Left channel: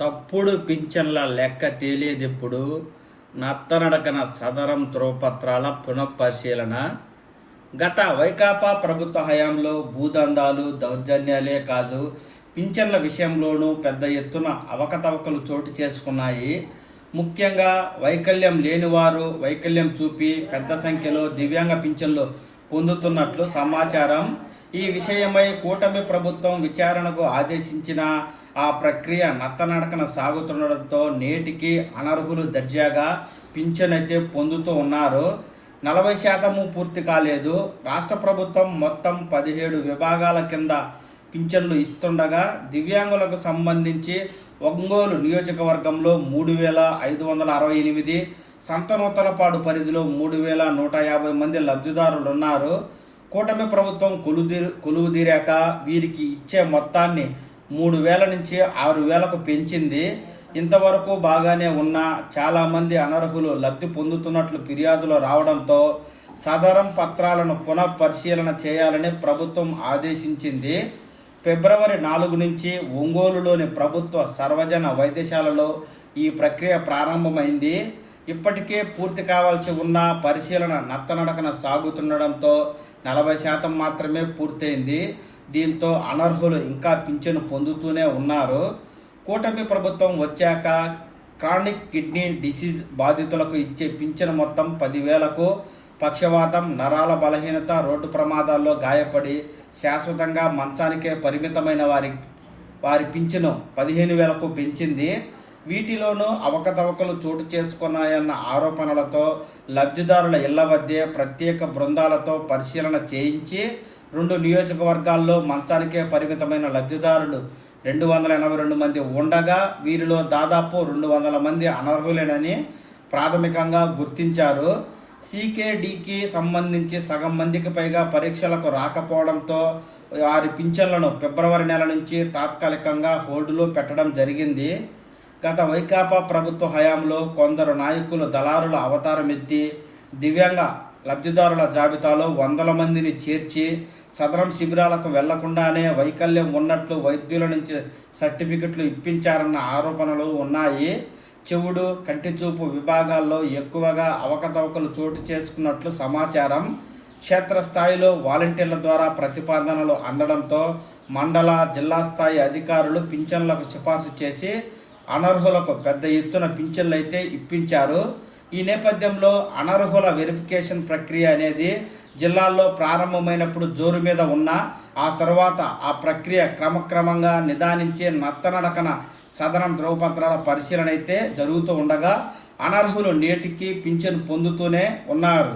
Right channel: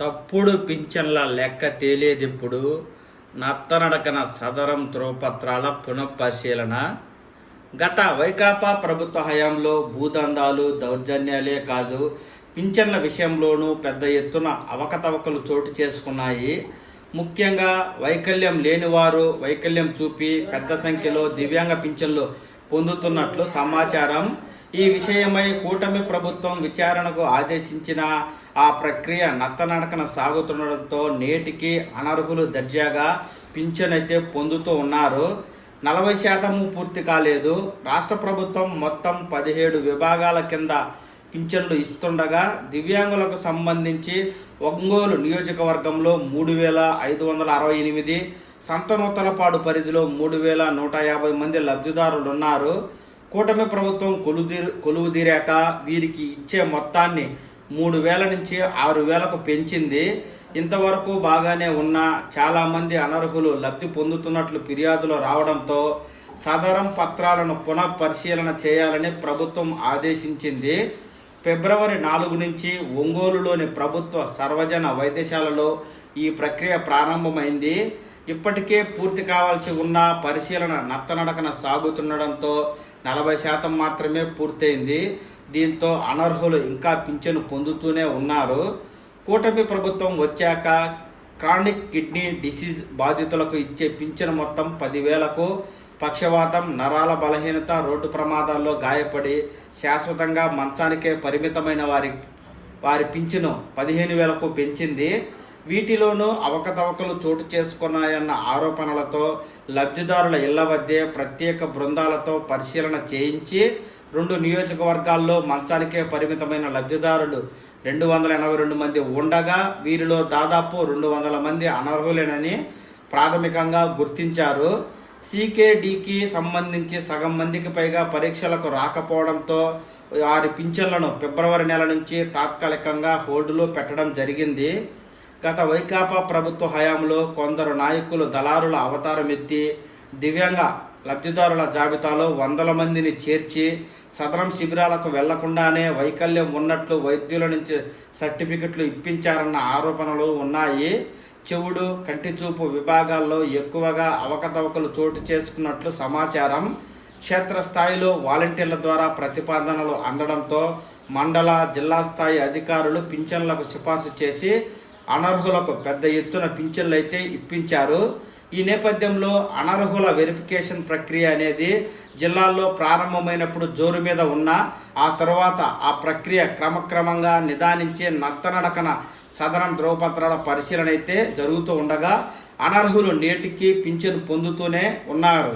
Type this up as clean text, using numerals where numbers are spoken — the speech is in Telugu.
తప్పుడు పింఛన్ల లెక్క తేలేదెప్పుడు? నత్తనడకన సదరం ధ్రువపత్రాల పునఃపరిశీలన. గత వైకాపా ప్రభుత్వ హయాంలో భూదందాలు, దౌర్జన్యాలే కాదు, పింఛన్ల విషయంలోనూ పెద్ద ఎత్తున అవకతవకలు చోటు చేసుకున్నాయి. ముఖ్యంగా వైకల్యం లేనివారు వైకల్యం చూపి పెద్ద సంఖ్యలో దివ్యాంగ పింఛన్లు పొందుతున్నట్లు సమాచారం. ఈ విషయమై కూటమి ప్రభుత్వం విచారణకు ఆదేశించిన ఆ ప్రక్రియ నత్తనడకన సాగుతుండడంతో నేటికి అనర్హులు దర్జాగా పింఛన్ అయితే పొందుతూ ఉన్నారు. 40% పూర్తి కాలేదు. రాష్ట్ర ప్రభుత్వం మొత్తం 17 విభాగాల కింద పింఛన్లు ఇస్తుండగా దివ్యాంగులకు సంబంధించి ఒంగోలు నియోజకవర్గంలో 3568, సంతనూతలపాడు పరిధిలో 3150 మంది లబ్ధిదారులున్నారు. కూటమి ప్రభుత్వం కొలువుదీరాక వీరికి ఇచ్చే మొత్తాన్ని 3000 నుంచి 6000కు పెంచింది. ఇంతవరకు బాగానే ఉన్న చాలామంది అనర్హులు లబ్ధి పొందుతున్నట్లు ఫిర్యాదులు రావడంతో సదరం పత్రాలను పునఃపరిశీలన చేయాలని ప్రభుత్వం ఆదేశించింది. ఫిబ్రవరి 4 నుంచి ఒంగోలులోని ప్రభుత్వ సర్వజన వైద్యశాలలో ఈ ప్రక్రియ ప్రారంభమైంది. ఇప్పటికే పూర్తి కావాల్సి ఉన్న పరిశీలన నత్తనడకన సాగుతుండడంతో 40% మాత్రమే పూర్తయింది. దీంతో అనర్హులు ఇంకా పింఛను పొందుతూనే ఉన్నారు. కూటమి ప్రభుత్వం వచ్చాక క్రానిక్ కిడ్నీ డిసీజ్ బాధితులకు ఇచ్చే పింఛను మొత్తం 10,000కు, పక్షవాతం, నరాల బలహీనత, రోడ్డు ప్రమాదాల్లో గాయపడి శాశ్వతంగా మంచానికే పరిమితమైన వారి పింఛను 15,000కు పెంచింది. వీటిలోనూ అవకతవకలు చోటు చేసుకున్నాయన్న ఆరోపణలతో లబ్ధిదారుల ఇళ్ల వద్దే ప్రత్యేక బృందాలతో పరిశీలన చేయించి 2 నియోజకవర్గాల్లో మంచానికే పరిమితమైన లబ్ధిదారులు 282 మంది ఉండగా వీరిలో దాదాపు 200 మంది అనర్హులేనని ప్రాథమికంగా గుర్తించారు. సీకేడీకి సంబంధించి సగం మందికి పైగా పరీక్షలకు రాకపోవడంతో వారి పింఛన్లను ఫిబ్రవరి నెల నుంచి తాత్కాలికంగా హోల్డ్లో పెట్టడం జరిగింది. గత వైకాపా ప్రభుత్వ హయాంలో కొందరు నాయకులు దళారుల అవతారం ఎత్తి దివ్యాంగ లబ్ధిదారుల జాబితాలో 100 మందిని చేర్చి సదరం శిబిరాలకు వెళ్లకుండానే వైకల్యం ఉన్నట్లు వైద్యుల నుంచి సర్టిఫికెట్లు ఇప్పించారన్న ఆరోపణలు ఉన్నాయి. చెవుడు, కంటిచూపు విభాగాల్లో ఎక్కువగా అవకతవకలు చోటు చేసుకున్నట్లు సమాచారం. క్షేత్రస్థాయిలో వాలంటీర్ల ద్వారా ప్రతిపాదనలు అందడంతో మండల, జిల్లా స్థాయి అధికారులు పింఛన్లకు సిఫార్సు చేసి అనర్హులకు పెద్ద ఎత్తున పింఛన్లు అయితే ఇప్పించారు. ఈ నేపథ్యంలో అనర్హుల వెరిఫికేషన్ ప్రక్రియ అనేది జిల్లాల్లో ప్రారంభమైనప్పుడు జోరు మీద ఉన్న ఆ తర్వాత ఆ ప్రక్రియ క్రమక్రమంగా నిదానించి నత్తనడకన సదరం ధ్రువపత్రాల పరిశీలన అయితే జరుగుతూ ఉండగా అనర్హులు నేటికి పింఛను పొందుతూనే ఉన్నారు.